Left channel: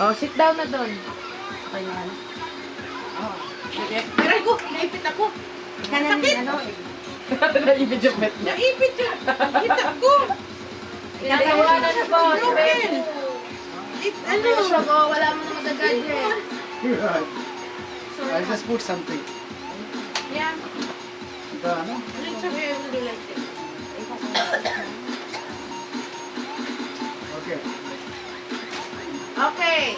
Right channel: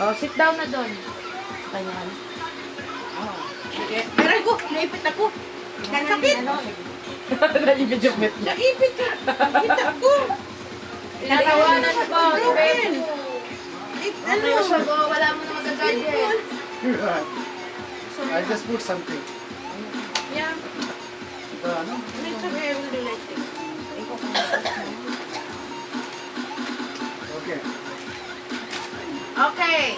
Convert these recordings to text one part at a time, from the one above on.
Oh, sit down na doon. Ayan. Oh. Meron ko, naipit ako. Nasakit. Naibig yung met niya. Naipit yun. Nakita ko. Tinatawanan na po. Broken. Ano? Wala mo na magagadget. Right. I just put something. Yeah. Ito ano? It's okay, I will do like this. Okay. Okay.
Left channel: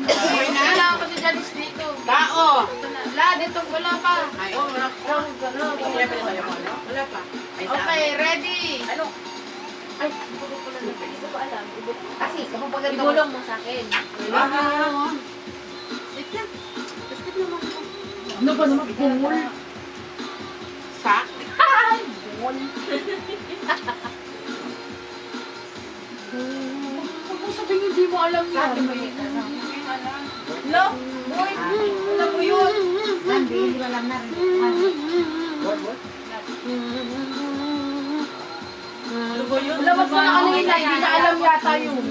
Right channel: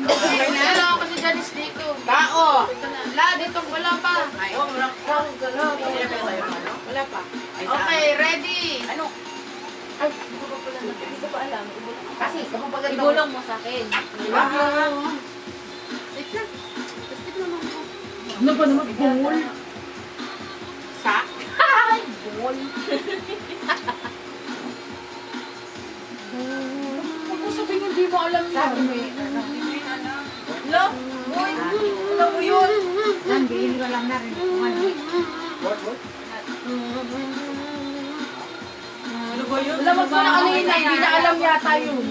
Wala ako si Janice dito. Bao. Wala, dito wala pa. Oh, wala pa. Okay, ready. Ano? Ay, hindi ko pala na. Hindi ko pa alam. Kasi, kapag paganda ko. Ibulong mo sa akin. Wait lang. Biskit naman ako. Ano ba naman? Bungol? Sa? Bungol. Huwag mo sabihin hindi mo alam yan. Sabi mo yun. Lo, boy. Alam mo yun. Nandihil ko lang na rin. What? Ano ba yun? Alam mo na kanina, hindi na alam yata yun.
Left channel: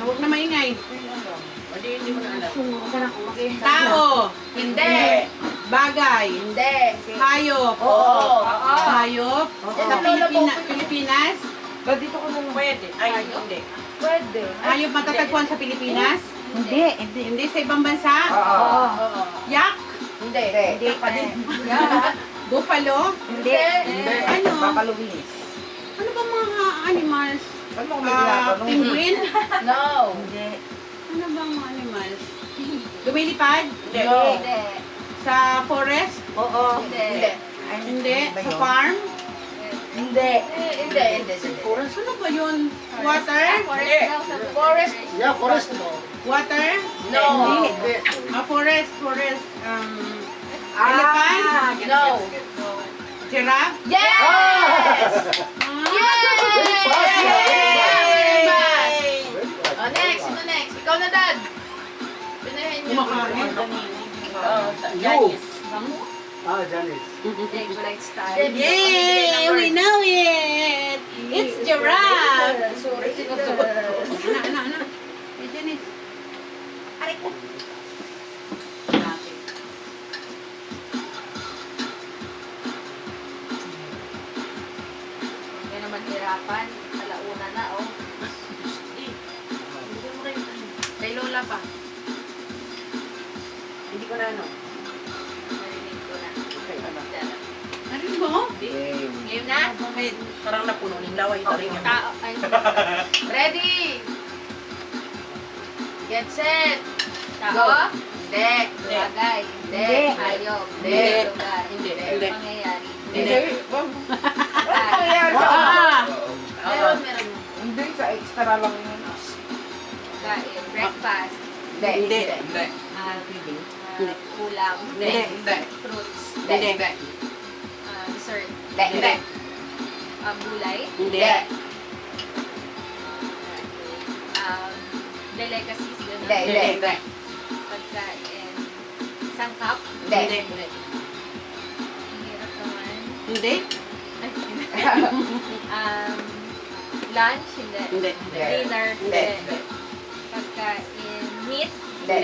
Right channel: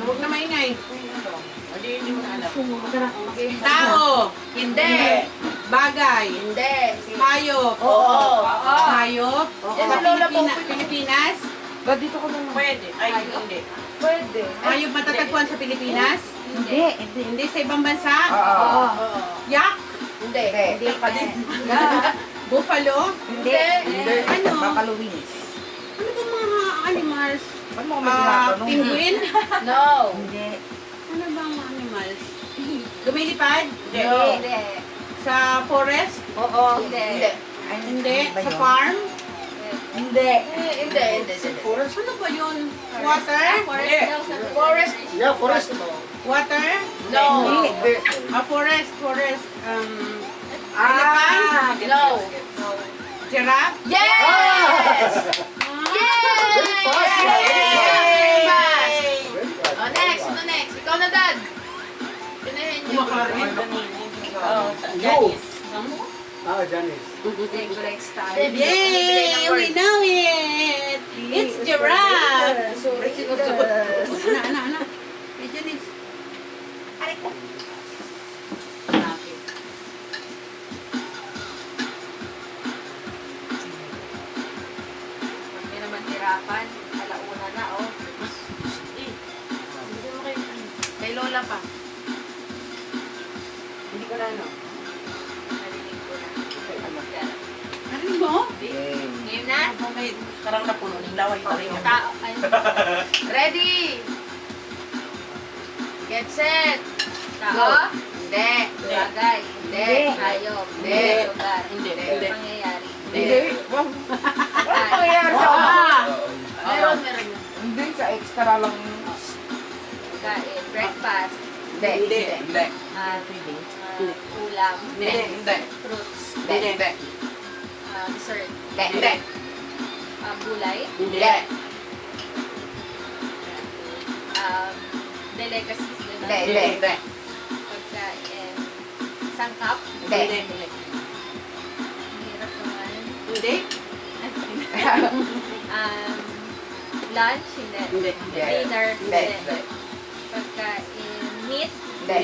Huwag na maingay. Hindi mo na alam. Tao. Hindi. Bagay. Hindi. Hayop. Oo. Hayop. Sa Pilipinas. Ba, dito ko na. Pwede. Ay, hindi. Pwede. Hayop matatagpuan sa Pilipinas? Hindi. Hindi sa ibang bansa? Oo. Yak? Hindi. Hindi pa din. Buffalo? Hindi. Hindi. Ano? Papaluwinis. Ano ba mga animals? Ano mo kami tinatanong? Penguin? No. Hindi. Ano ba mga animals? Lumilipad? No. Sa forest? Oo. Hindi. Ay, Hindi. ba Sa yun? farm? Hindi. Hindi. Forest? Ano ba yun? Water? Forest. Yeah, forest. Water? No. Hindi. Forest. Ah! No. Giraffe? Yes! Very fast. Yes! Very Fast. Very fast. Oh, next. Sino next? Ikaw na, Dad. Tinahin niyo. Kumakain. Janice. Ah, Janice. Great style. Yay! We know it! It's giraffe! Sorry. Anak. Hey, Janice. Aray ko. May naman hirapan. Alauna na, oh. May lola pa. Hindi ko na ano. Narinig ko na. Narinig mo? Ngayon na? Parang napuno ng laway pa rin. Tao. Ay. Ready? Get set. Tao? Hindi. Bagay? Hindi. Hayop? Hindi. Lugar? Hindi. Pangyayari? Hindi. Ano nangyayari sa Meron. Hindi, sa extra lang. Kain. Breakfast. Hindi. Ulam. Hindi. Fruits. Hindi. Dessert. Hindi. Gulay. Hindi. Delicacies. Gano'n. Hindi. Pagkain. Sangkap. Hindi. Ang hirap naman. Hindi. Lunch. Hindi. Hindi. Dinner. Hindi. Pagkain. Meat. Hindi.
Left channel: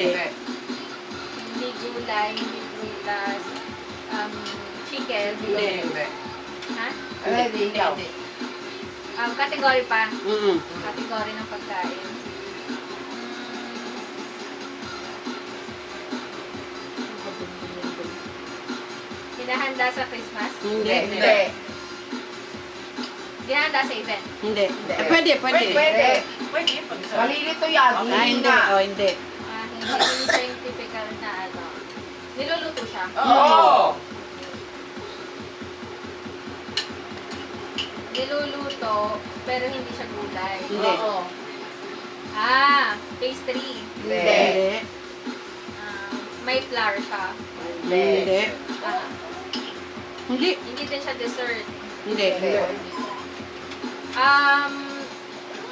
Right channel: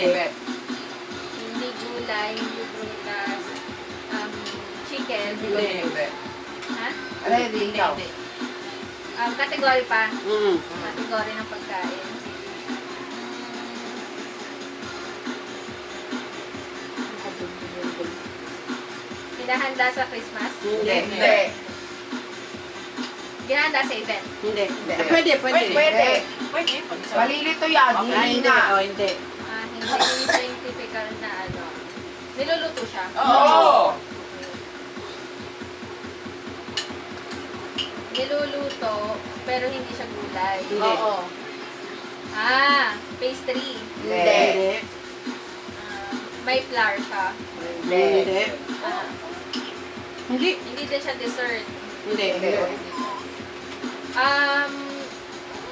Hindi gulay. Hindi prutas. Chicken. Hindi. Ha? Ready, ikaw. Category pa. Mm. Category ng pagkain. Hinahanda sa Christmas. Hindi. Ginahanda sa event. Hindi. Pwede. Malilito yan. Hindi. Oh, hindi. Hindi scientific na ano. Niluluto siya. Oo. Niluluto, pero hindi siya gulay. Hindi. Pastry. Hindi. May flour siya. Hindi. Ah, Hindi. hindi din siya dessert. Hindi.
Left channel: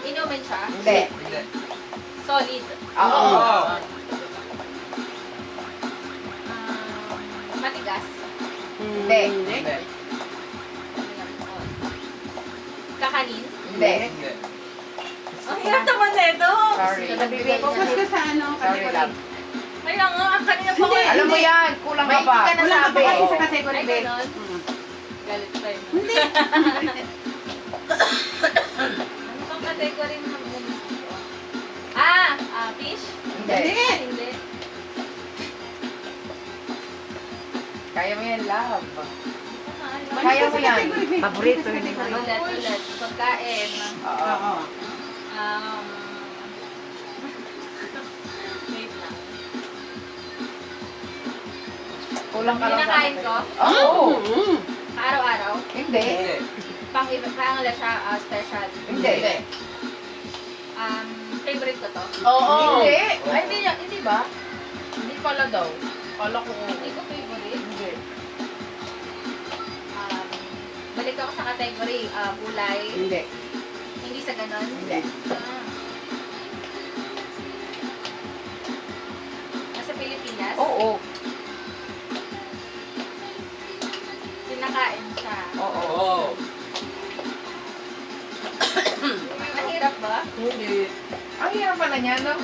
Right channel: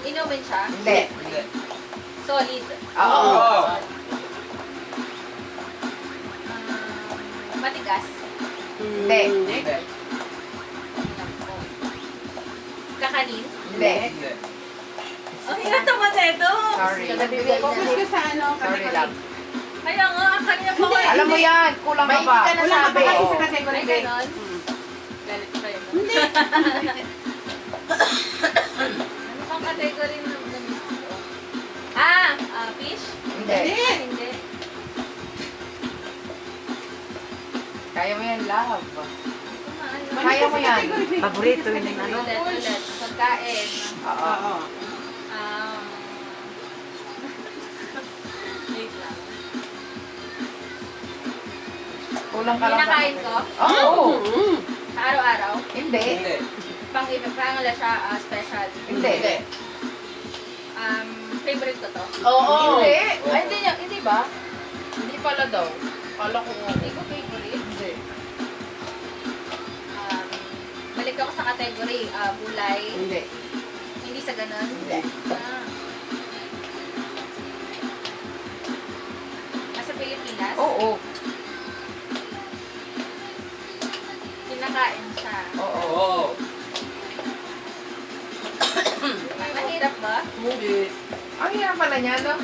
Inumin siya. Hindi. Solid. Oo. Matigas. Hindi. Kakanin. Hindi. Ang hirap naman nito. Sorry. Focus ka sa ano. Sorry, love. Kaya nga, kanina pa ko. Alam mo yan, kulang ka pa. Kulang ka pa kasi sa category, Ay, be. ganon. Galit pa yun. Hindi. Ano pang category na gusto ko? Fish? Hindi. Hindi. Kaya mo yan, love. Ano? Kaya mo yan. Paborito yun yung ano. Ulit. Pagkain. Oo. Oo. Um, wait lang. Kulang ka lang. Kinakain ko? Oo. Araw-araw? Hindi. Hindi. Pang-ibang siya special. Hindi. Favorite ko to? Oo. Hindi. Ay, hindi ba? Hindi pala daw. Kala ko. Hindi ko favorite. Hindi. Balik ako sa category, gulay. Hindi. Hindi sa ganon? Hindi. Nasa Pilipinas? Oo. Kinakain siya. Oo. Oo. Mahirap ba? Hindi. Ang hirap pala niya, no?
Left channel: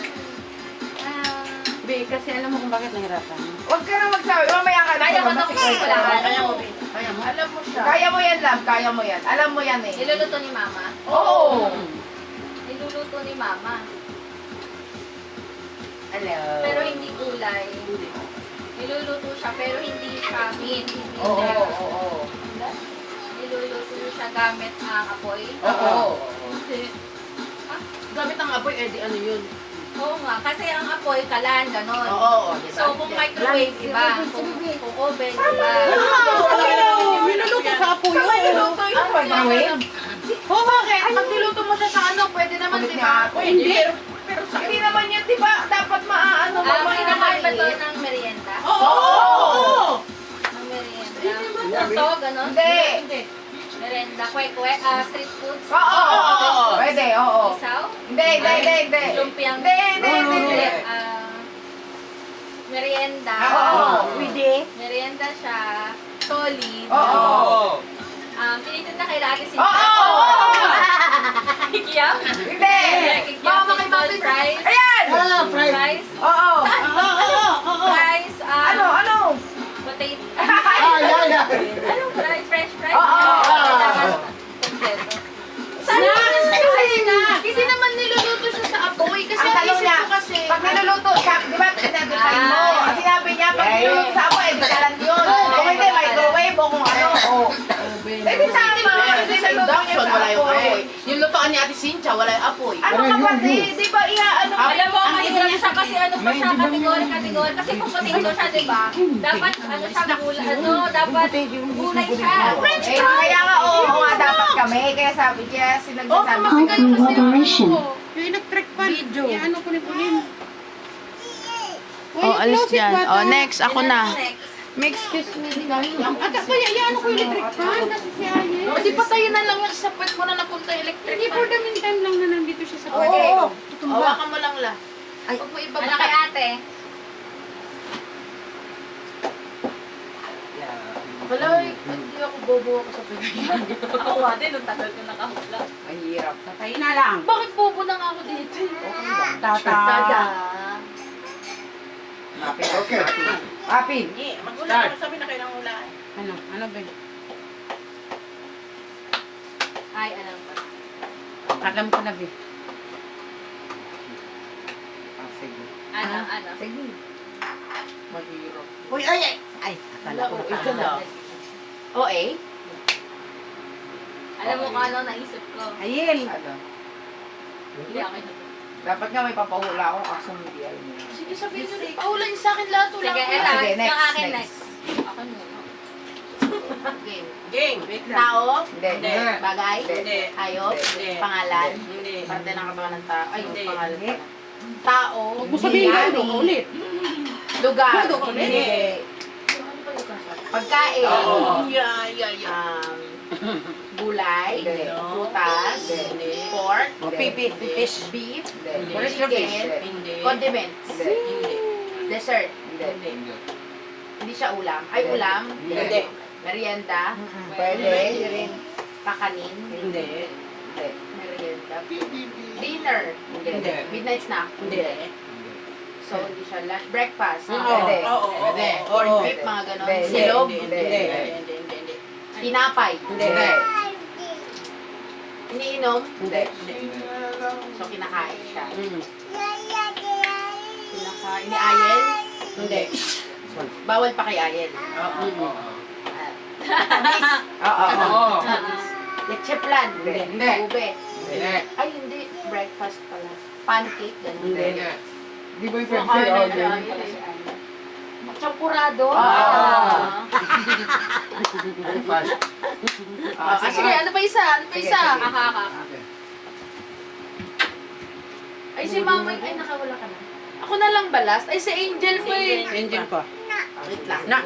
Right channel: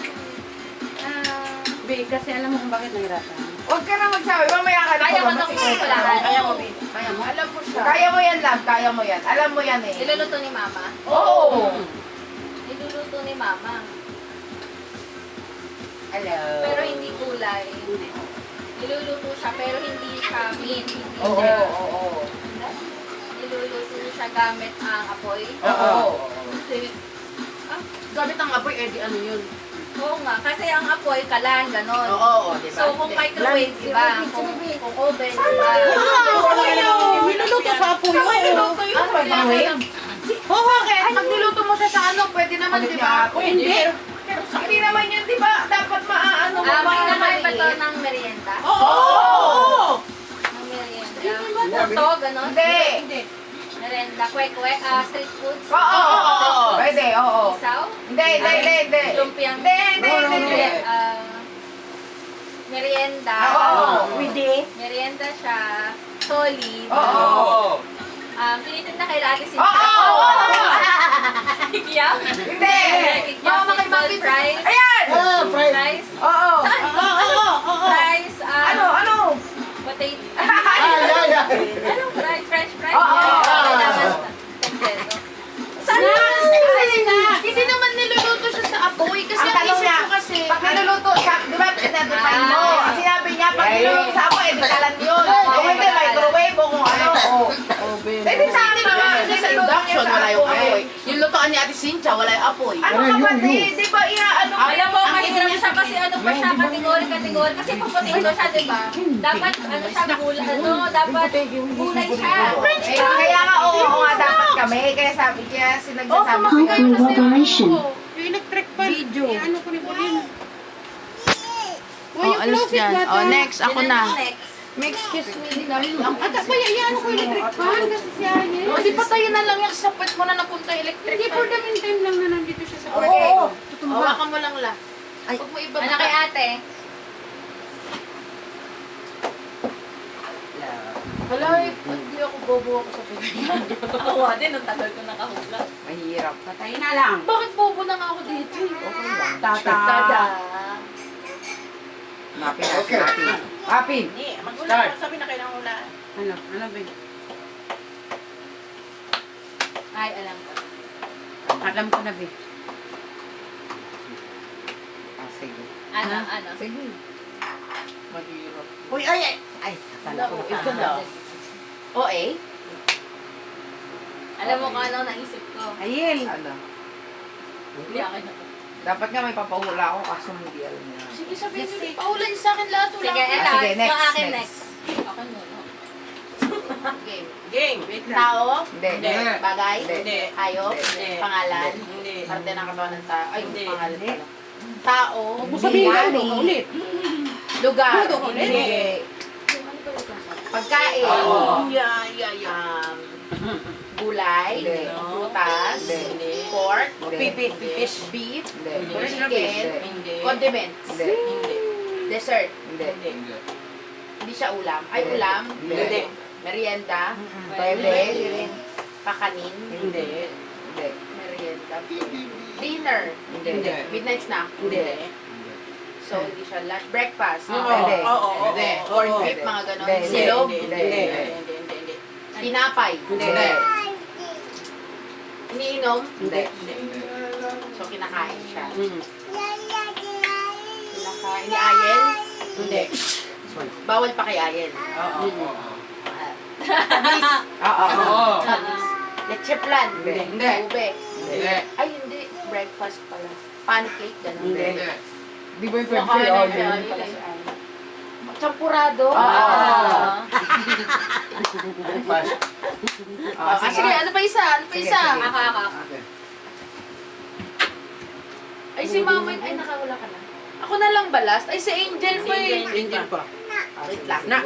Be, kasi alam mo kung bakit nahirapan. Huwag ka na magsabi. Mamaya ka na. Kaya mo to, Masikreto wala ka. ka. Kaya mo, be. Kaya mo. Alam mo siya. Kaya mo yan, love. Kaya mo yan. Alam mo yan eh. Niluluto ni mama? Oo. Niluluto ni mama. Hello. Pero hindi gulay. Niluluto siya, pero hindi siya meat. Hindi Oo. siya. Oo. Niluluto siya gamit ang apoy. Oo. Gamit ang apoy, eh, di ano yun. Oo nga, kasi ang apoy, kalan, ganon. Oo, di ba? So, kung microwave, iba. Kung oven, iba. Minuluto sa apoy. Niluto yun. Ano Microwave? Oo, bakit? Pag niluto mo siya sa ano, pwede naman, di ba? Hindi. Pero hindi naman yan, di ba? Dapat maaano mo. Pinakain ba to ng merienda? Oo! Ng merienda. Hindi. Puto, ganon? Hindi. Merienda, kwek-kwek, street foods. Oo. Pwede, oo. Isaw? Hindi. Lumpiang. Hindi. Merienda. Oo. Merienda siya. Solid. Oo. Pinitinda kay Lati si Oo. Kikiam? Hindi. Kikiam, fishball fries. Ayan! Fries. Oo. Fries. Ano? Potato. Ay. Anong fries? French fries? Oo. Kompleto. Hindi naman niluluto siya sa apoy kasi ang tanong niya, pag niluluto siya, di ba pinadefine mo? Ang sinabi niya, pag niluluto sa apoy, kalan yun. Kung hindi, microwave o kung ano. Pwede sa akin naman, hindi sa Induction, wala yung apoy. apoy. Yung lutoan ni Ate Cynthia, wala yung apoy. Ano kapatid, di ba inaano ka? Alam mo, mahirap siya kasi ano pa siya, kategori. Kasi kung potato siya, di ba? Dapat ano siya, dapat gulay siya. Eh, kaya nga, oo nga dapat kami. Kaya sinagsasabi ko yan. Moderation. Electric pan. Video. Ano ko ni Pauline? Oh, alis yan. Oh, next. Ako na. Next. Excuse me, di namin. Ata pa, yan ko electric pan. Kasi siya yun. No, di patayin na lang yan sa puwet mo na napunta electric. Hindi, for the meantime lang na nandito siya sa Okay. Hawakan mo lang la. Huwag mo ibaba. Ano kay ate? Wala, hindi ako bobo ako sa pagkain. Ako nga din, ang tagal ko nakahula. Mahirap. Patay na lang. Bakit bobo lang ako dito? Okay lang. Tata. Okay. Apin. Start. Sabi na kailangan wala. Ano? Ano ba? Ay, alam ko. Tagam ko na, be. Sige. Ano? Sige. Mahirap. Uy, ay! Ay, akala ko. Ikaw daw. O, eh? Alam mo kung ano naisip ko. Ayel. Ala. Hindi ako ito. Dapat nga may papahula ako kaso hindi alam mo. Sige, sabihin mo. Paulayin sa akin lahat. Sige, ito. Sige, next, Yung akin next. next. Ako muna. Game. Wait lang. Tao, Hindi. bagay, Hindi. hayop, Hindi. pangalan, Hindi. parte ng katawan ng tao, ay, Hindi. pangalan. Tao, Huwag mo sabihin yan, ano, ulit. lugar, Hindi. pagkain, Oo. gulay, Hindi. prutas, Hindi. pork, Pipit. beef, beef, Hindi. chicken, Hindi. condiments, Hindi. dessert, Hindi. hindi siya ulam, ay ulam, Hindi. merienda, Pwede. pakanin, Hindi. Hindi. merienda, Dinner. Hindi. Midnight snack. Hindi. So, hindi siya lunch. Breakfast. Hindi. Oo. Corn whip, mga ganon. Hindi. Silog. Hindi. Tinapay. Hindi. Iniinom. Hindi. So, kinakain siya. Mm. Kinakain. Iniayel. Hindi. Bawal pa kay Ayel. Oo. Oo. Leche plan. Hindi. Ube. Hindi. Ay, hindi. Breakfast pala. Pancake, ganun. Hindi. Di ba yung Kumakain na pala si Ayel. Champurado. Fast. Sige, ano pa isa? Ano pa Sige, isa? sige. Okay. Ay, si Mama, ay, nakawala ka na. Ako na lang ba last? Ay, si Angel ko eh. Angel pa. Wait lang. Na.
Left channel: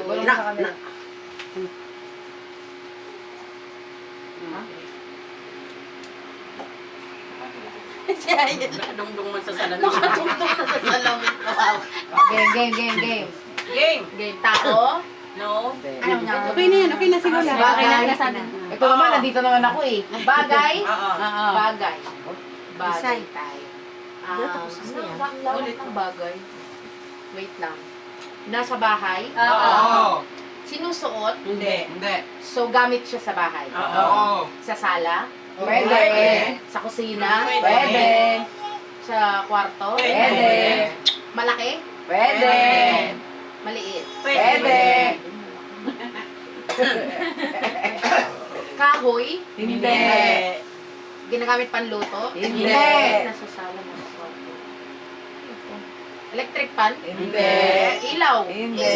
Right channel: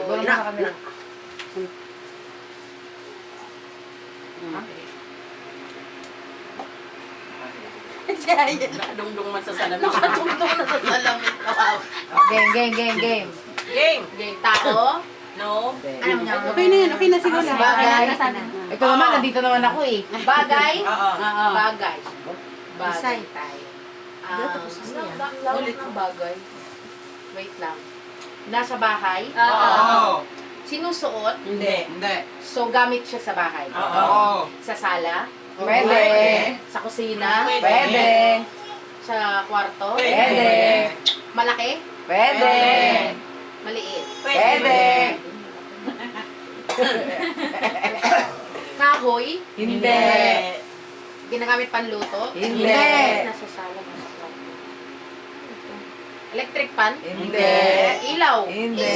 Nakadungdong man sa salamin. Nakatungtong na sa salamin. Wow. Game. Game. Game. Tao? No. Okay na yan, okay na siguro. Bagay. Ito naman, nandito naman ako eh. Bagay? Oo. Bagay. Bagay. Ulit. Ulit ng bagay. Wait lang. Nasa bahay? Oo. Sinusuot? Hindi. Hindi. So, gamit siya sa bahay? Oo. Sa sala? Pwede. Sa kusina? Pwede. Sa kwarto? Pwede. Malaki? Pwede. Maliit? Pwede. Kahoy? Hindi. Ginagamit panluto? Hindi. Nasa sala, nasa kwarto. Electric pan? Hindi. Ilaw? Hindi.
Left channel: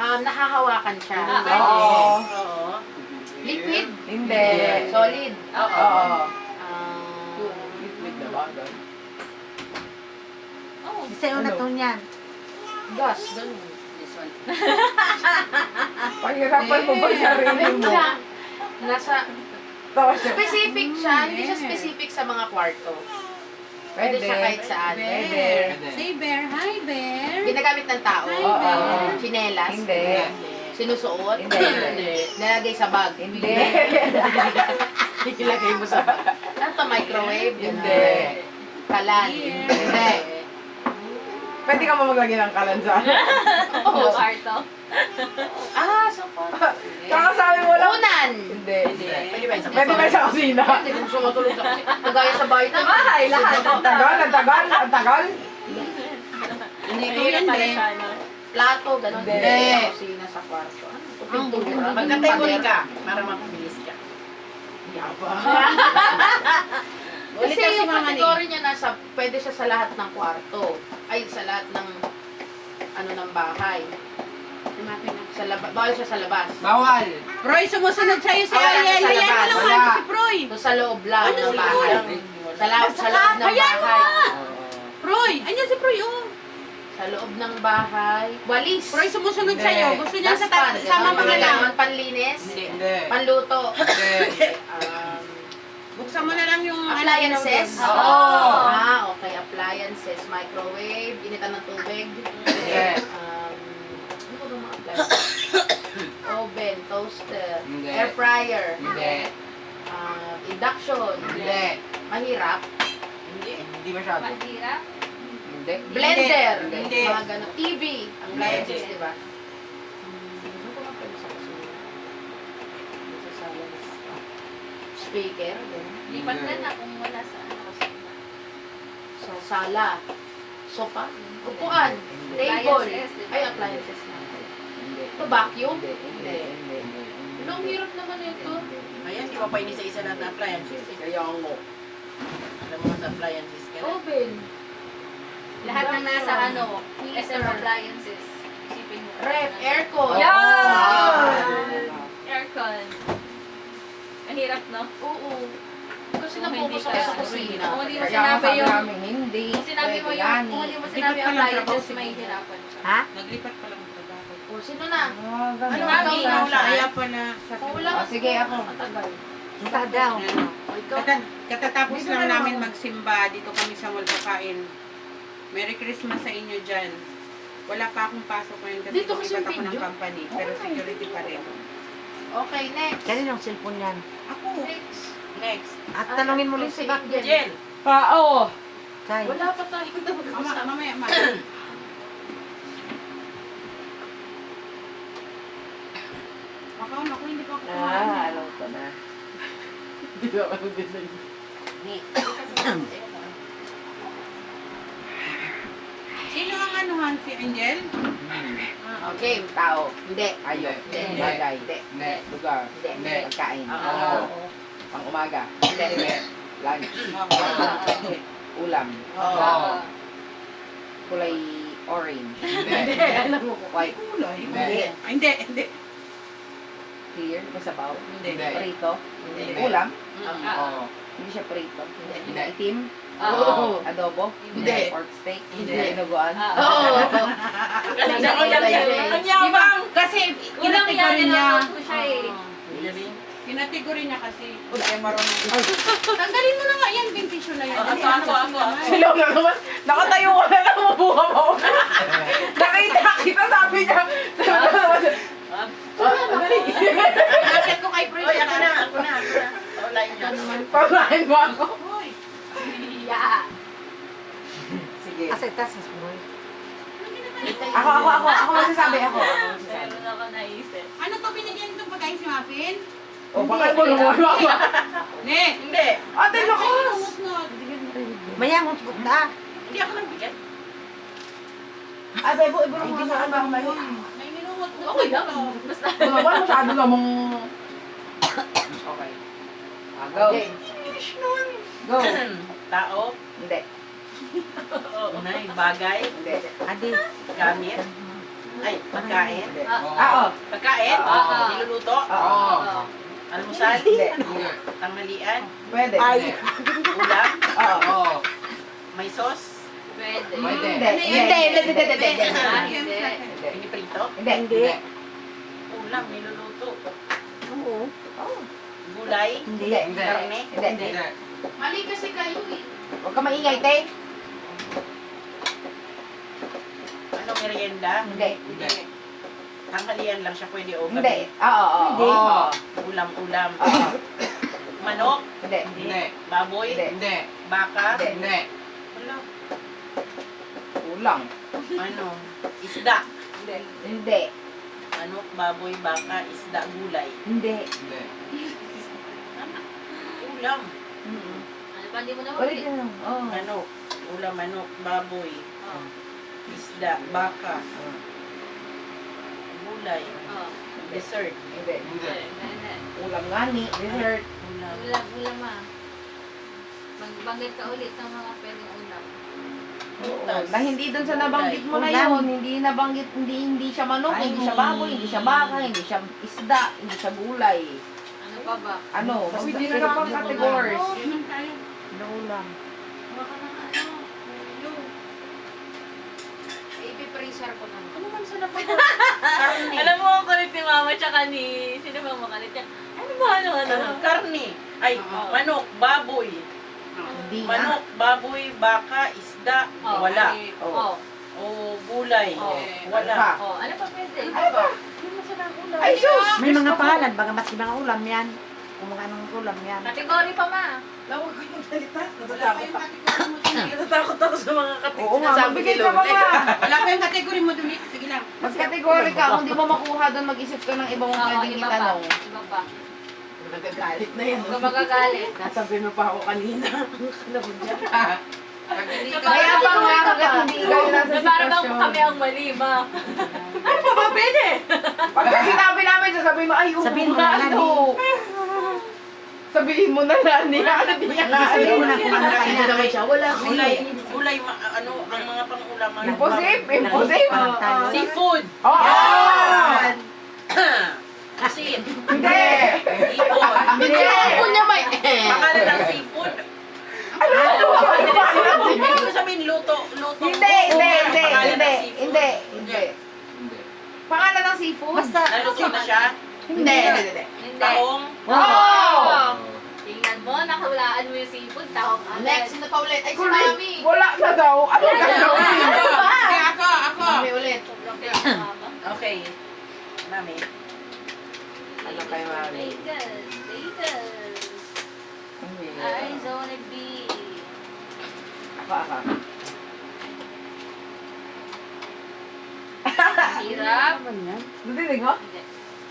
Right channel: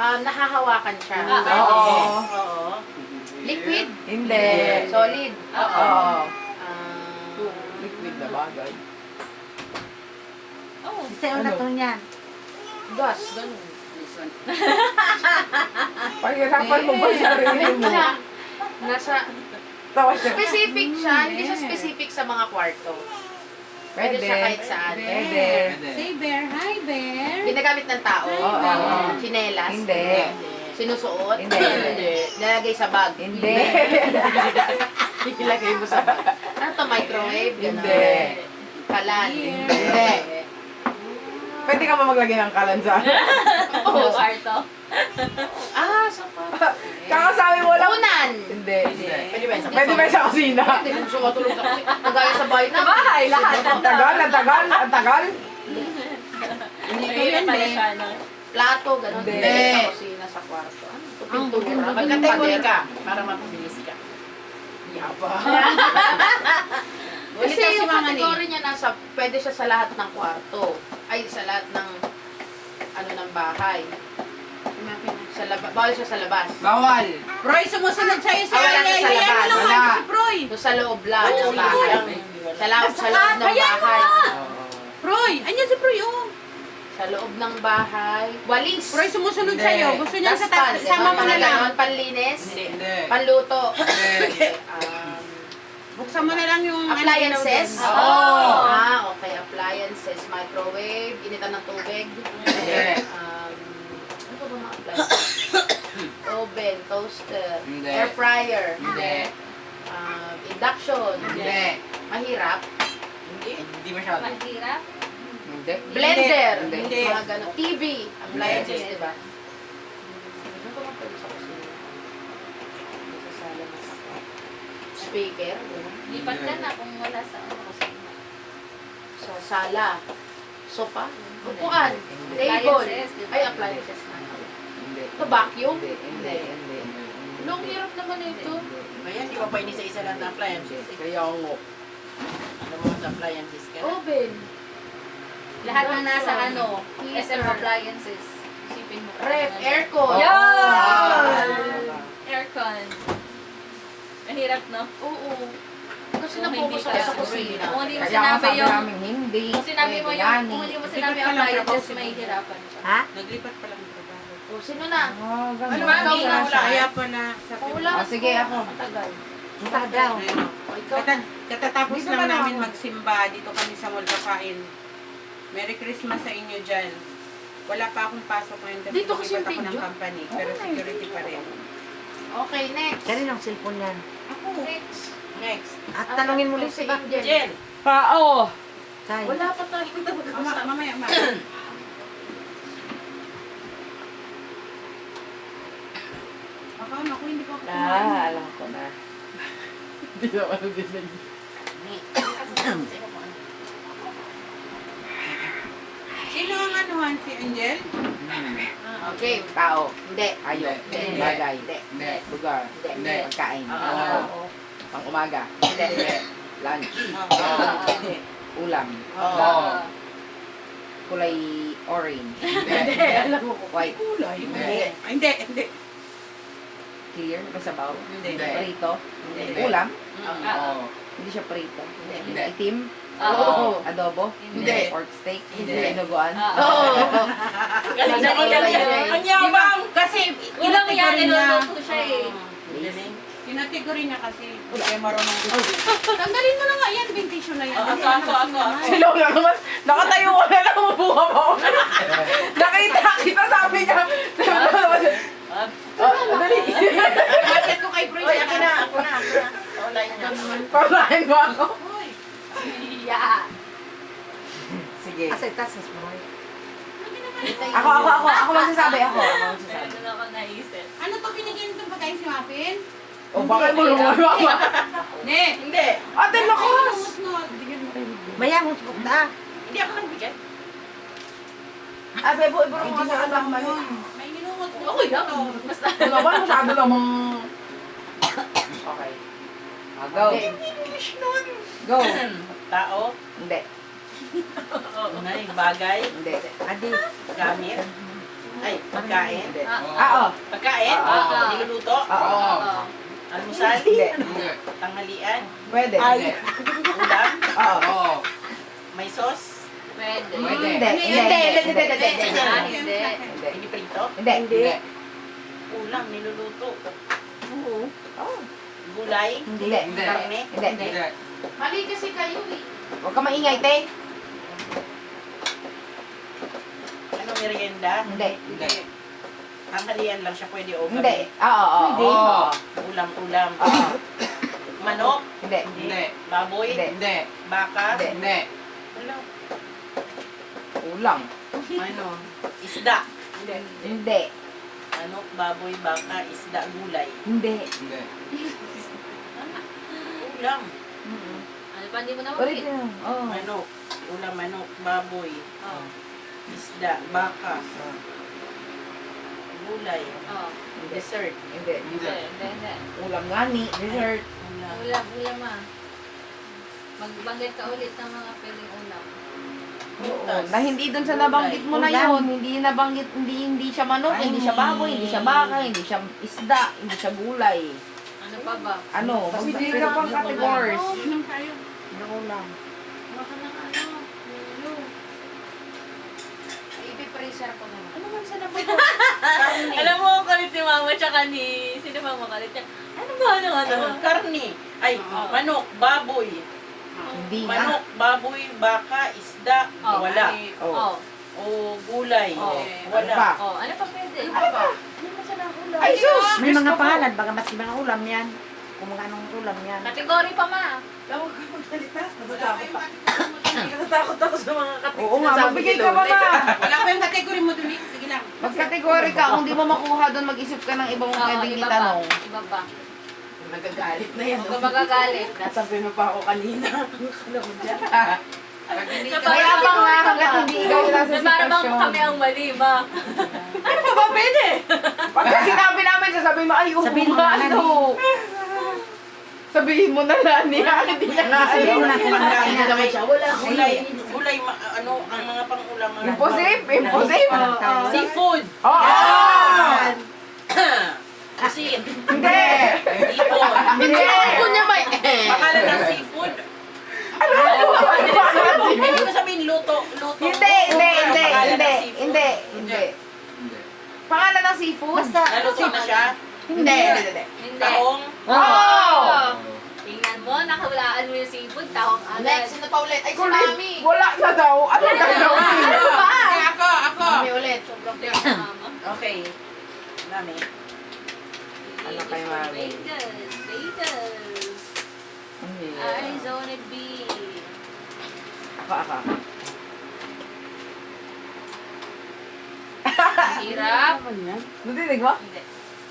Nahahawakan siya? Oo. Liquid? Hindi. Solid? Oo. Liquid na bagay. Sa'yo na to niyan. Gas? Ganun. Paghirapan mo ba sarili mo? Nasa... Specific siya. Hindi siya specific sa mga kwarto. Pwede siya kahit saan. Pwede. Say bear. Hi, bear. Ginagamit ng tao? Oo. Chinelas? Hindi. Sinusuot? Hindi. Nalagay sa bag? Hindi. Ilagay mo sa bag. Ano to, microwave? Hindi. Kalan? Hindi. Pwede ka ba maglagay ng kalansan? Oo, kwarto. Sofa. Kakasabi mo lang. Unan? Hindi. Pwede ba sa Pwede ba sa kusina? Hindi kung sumatulog sa kasi. Kagaya sa bahay na. Bahay, lahat. Ang tagal. Hindi ko yan pala siya, no? Plato, gano'n. Hindi. Sa kusina, sa kwarto. Ano? Pintura. Magkategory ka para mapabilis ka. Kasi Ulit yung si Mama ni. kategory niya nasa, pwede siya sa lahat ng kwarto. Ay, sa lahat ng, ng bahay. Sa labas, bawal siya sa labas. Bawal. Proy, sumusunod sa'yo si Wala Ayay. sa Hayaan mo labas. lang Wala. si Proy. So, sa loob lang ng bahay. Sa loob ng bahay. Proy, anyan si Proy, oh. Sa loob ng bahay. Walis. Proy, sumusunod Hindi. sa'yo. Gusto niya sa Daspan. sama mga lang. ganon. Panlinis. Hindi. Panluto. Hindi. Buksan mo na lang yung... Appliances. Oo. Okay. Appliances. Microwave. Initan ng tubig. Hindi. Ano ba mga appliances? Oven. Toaster. Hindi. Air fryer. Hindi. Induction. Hindi. Mahirap. Hindi masyado. Mahirap. Hindi. Blender. Hindi. Mga ganon. TV. Appliances, di ba? Ano ba mga pwede sa kusina? Sa sala na sa speaker. Ganon. Lipat ka na kung wala sa kusina. Sa sala. Sofa. Upuan. Table. Appliances, di ba? Ay, appliances na. Hindi. Ito, vacuum? Hindi. Hindi. Long hirap naman ito. Ayan, di ba pa inisa-isa lang na appliances? Kaya ngo. Alam mo sa appliances ka na? Oven. Lahat na nasa SM appliances. Isipin mo. Ref. Aircon. Yan! Aircon. Mahirap, no? Oo. Kasi Kung napokus hindi ako sa ka- kusina. Kung hindi mo Kaya sinabi sabi yung... namin hindi. Kung sinabi mo Pwede yung... yan Kung eh. hindi mo Lipat sinabi ka yung lang, appliances, trabaho si may Mama. hirapan siya. Ha? Naglipat pa lang trabaho. Sino na? Ganun. Ano, Mami, ikaw na. wala. Kaya pala. Wala. Sige, ako. Matagal. Matagaw. Ano? O, ikaw. Katatapos Dito lang na lang namin ako. magsimba. Dito kami sa mall kakain. Merry Christmas sa inyo dyan. Wala pa akong pasok ngayon kasi Dito kasi lumipat yung ako ng video. company. Pero security pa rin. Okay, next. Kaninong cellphone yan? Ako. Next. Next. At tanungin mo ulit si Bac Jen. Jen. Pao! Kay. Wala pa tayo. Mamaya, Makaon ako, hindi pa ako kumain. Alam ko na. Sino ang anuhan? Si Angel? Okay, tao. Hindi. Ayun. Hindi. Bagay. Hindi. Lugar. Hindi. Pagkain. Oo. Pang umaga. Hindi. Lunch. Oo. Ulam. Oo. Kulay orange. Hindi. Alam mo ko. White. Hindi. Hindi. Clear. Masabaw. Hindi. Prito. Hindi. Ulam. Oo. Hindi siya prito. Hindi. Itim. Oo. Adobo. Hindi. Pork steak. Hindi. Dinuguan. Oo. Galing na Ang yabang. Kasi Ilang yan, kinategory niya. niluluto siya eh. Kinategory niya kasi hindi kayo marunong. Tanggalin mo na nga yan, bentisyon na yan. Ako. Sino lang naman? Nakatayo ko na lang, umubuha pa ako. Nakita, sabi niya. Dali. Bakit ko kay Pris? Oy, ako na. Online niya. Palahin mo ako. Yeah. Sige. Asay tasas mo. Ako magsasabi ako. Meron ako naisip. Ano to binigyan itong pagkain si Muffin? O, bakit mo lumawa? Ne. Hindi. Ate, lakas! Maya mo tukok na. Hindi ako nagbigay. Ate, ibo mo sa alam mo. May ninungot na Okay ito. lang. Basta. Ano ba? Masyado namang... Okay. Go. English nun. Go. Tao. Hindi. Unay, bagay. Hindi. Adi. Gamit. Ay, pagkain. Hindi. Oo. Pagkain. Oo. Niluluto. Oo. Almusal. Hindi. Tanghalian. Pwede. Ulam. Oo. May sauce. Pwede. Pwede. Hindi. Piniprito. Hindi. Ulam. Niluluto. Oo. Gulay. Hindi. Karne. Hindi. Mali kasi kayo eh. Huwag ka maingay, te. Ano, merienda? Hindi. Tanghalian lang siya pwede o Hindi. gabi. Oo. Ulam. Manok. Hindi. Baboy. Hindi. Baka. Hindi. Wala. Ulam. Ano? Isda. Hindi. Manok, baboy, baka, isda, gulay. Hindi. Ulam. Ano pa, hindi mo na Ulit mabit. na. Oo. Manok. Ulam, manok, baboy, Oh. isda, baka, gulay, Oh. dessert. Hindi. Hindi. Ulam nga ni. Dessert. Ulam. Ulam ah. Magbanggit ka ulit ng mga pwedeng ulam. Butas. Na hindi dun sa nabanggit mo na Ulam. yun. Hindi nabanggit, hindi siya manok, hindi siya baboy, hindi siya baka, hindi siya isda, hindi siya gulay. Ano pa ba? Ano? Hindi na lang pang categories. Yun ang tayo. Naulam. Baka na ano? Ulo. Ipipreser ko naman. Ano man sa napag- Karne. Alam mo ang kulit ni mama tsaka ni... Sino ba mo kulit niya? Ano ba ano? Karne. Ay, manok, baboy. Hindi na. Manok, baboy, baka, isda, Oh. wala. Oh. O gulay, Oh. wala. Oh. Ano pa pwede? Ano man sa ulam? Ay, sus! May mga pangalan, baga mas mga ulam yan. Kung mga anong ulam yan. Kategory pa ma. Natatakot ako sa mga Oo nga, magbigay ka ba na? Wala pa yung category mo dun. Sige lang. Mas category ka, kung di mo makuha doon, mag-isip ka ng ibang pwedeng iba pa. itanong. Iba pa. Nagagalit na yan. Huwag ka magagalit. Nasabi mo pa ako kanina. Ano ko dyan? Pag hindi ka Kaya ba nga, hanggat hindi ikaw nasa Na para bang sitwasyon. kami ang mali ma. Ano pa ba pwede? Pag sinabi namin, sasabihin mo, ay, Sabihin mo na, ano? Sabihin mo na, Lani. Hindi niya Sabihin mo na kung ano Pagkain na naman siya. Wala. Gulay. Gulay, ano, ang mga pang-ulam. Imposible. Seafood. Oh! Asin. Hindi! Ipon. Hindi! niya may pangalan ng seafood. Hindi ko sabihin luto. Hindi! Pangalan ng seafood. Hindi! Pangalan ng seafood? Basta, Naluto na siya. Hindi! Hindi. Taong. Oh! Tingnan mo, nakawalaan mo yung seafood. Tahong agad. Next, sino pa ulit? Ay, si Ulit. Mami! Wala na daw! Ano na daw? Ako. Mami ulit. Sobrang mama. Okay. Mami. Ano kayo, mami? Vegas. Ay, zone B. Ako. Hirap. Nadinig mo? Hindi.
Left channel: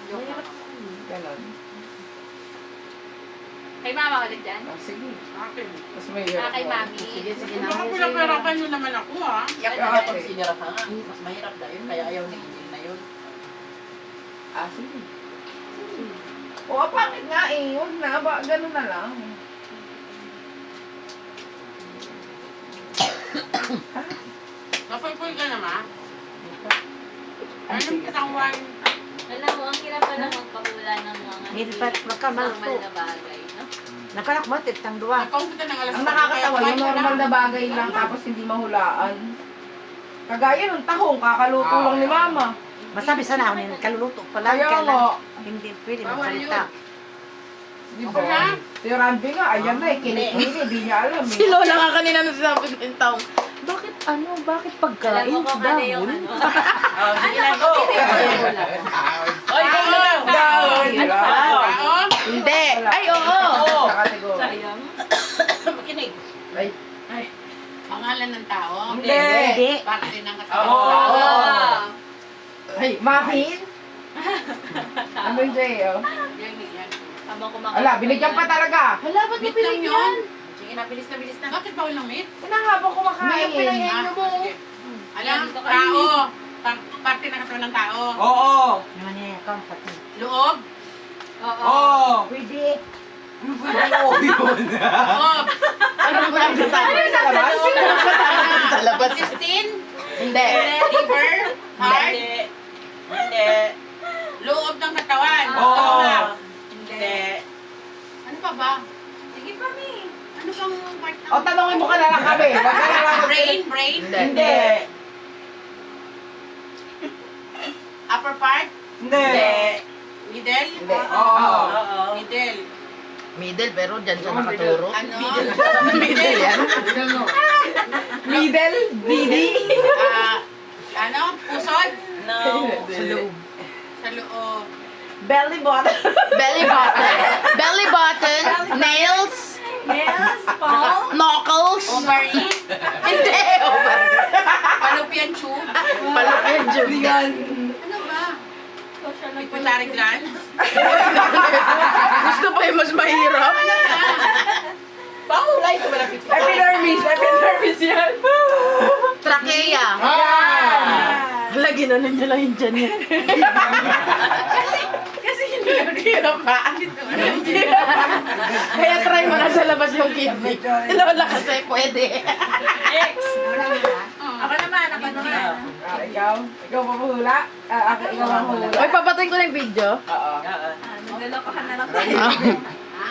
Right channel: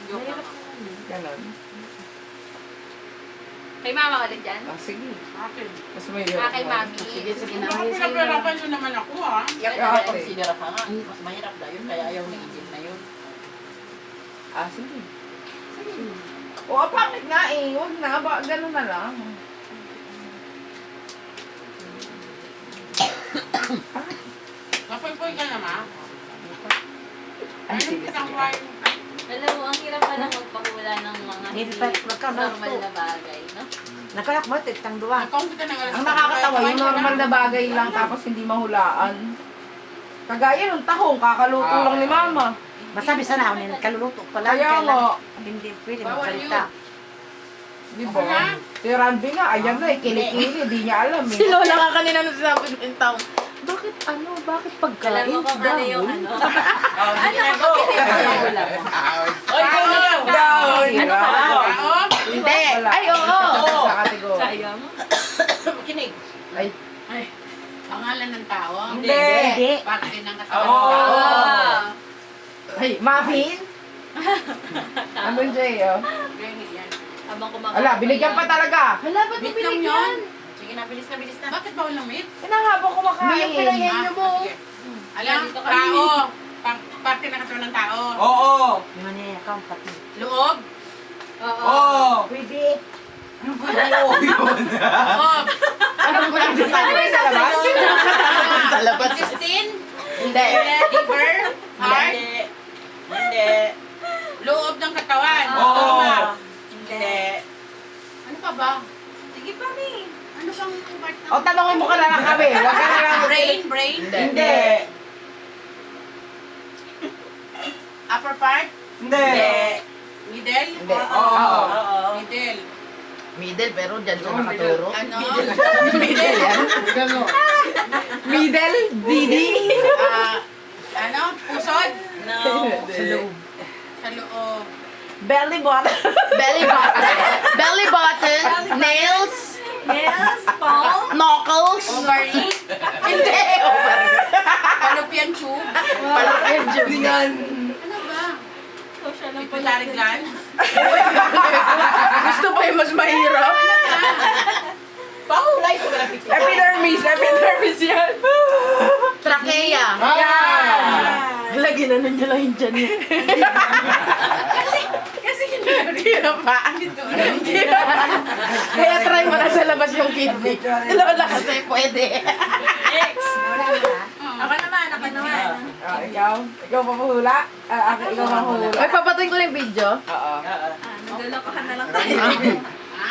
Joke lang. Ganon. Kay mama ulit dyan? Sige. Akin. Mas may Kay mami. Sige, sige na. Pinapirapan nyo naman ako, ha? Yak Kaya na ate. pag sinira ka nga. Mas mahirap na yun, kaya ayaw ni Angel na yun. Sige. O, pangit nga eh. Huwag na. Ganun na lang. Napoy-poy ka naman. Ayun, kitang wine. Alam mo, ang hirap pa lang magpakula ng mga Hindi pa magkamal normal to. na bagay, no? Nakanak mo, titang duwa. Ikaw kita ng alas. Ang nakakatawa, yung normal na bagay lang tapos hindi mahulaan. Kagaya ng tahong, kakaluto lang ni mama. Masabi sana ako, kaluluto pa lang. Kaya nga. Hindi pwede Bawal magsalita. Di ba? Si Randy nga, ayan na eh, kinikili, di niya alam eh. Si Lola nga kanina nung sinabi ng taong, bakit bakit Alam pagkain? mo kung ano yung ano. Oh, sige na, go! Oy, ikaw na lang! Ano pa? Oo. Hindi. Ay, oo. Sa kategory. Sayang. Makinig. Ay, pangalan ng tao. Hindi. Hindi. Parte ng Oo. katawan. Oh. Ay, muffin? Ano yung Jay, oh? Yan, yan. Habang kumakain. Ala, binigyan pa talaga. Hala, ba't mo Meat lang yun. Sige na, bilis na. Bakit bawal ng meat? Hinahabang kumakain. May pinangyan niyo mo. Sige. Alam, tao. Parte ng katawan ng tao. Oo. Yung ano yan, pati. Loob. Oo. Pwede. Oo, yun. Loob. Anong nandito tayo sa labas? Sa labas. Intestine. Hindi. Liver. Heart. Hindi. Loob ng katawan. Oo. Tama. Hindi. Ano pa ba? Sige pa, Mi. Ano bang part ng... O, tanongin mo ka na lang kami. Huwag ka na lang. Brain. Hindi. Upper part. Hindi. Middle. Hindi. Oo. Oo. Middle. Middle, pero dyan siya nakaturo. Ano? Middle yan. Middle? Didi? Ano? Pusod? No. Sa loob. Sa loob. Belly button. Belly button. Belly button. Nails. Yes, Paul. Knuckles. Ovary. Hindi. Fallopian tube. Palakyan dyan. Ano ba? Pituitary gland. Gusto pa yung mas mahirap? Paulay ko malapit ka. Epidermis yan. Trachea. Yan. Lagi na niya lang yung dyan yan. Kasi hindi ko Hirapaan. Kaya try mo na sa labas yung kidney. Wala kasi pwede. Ako naman. Ikaw? Ikaw mamuhula? Ikaw mamuhula? Uy, papatayin ko na yung video. Oo. Maglalokohan na lang tayo.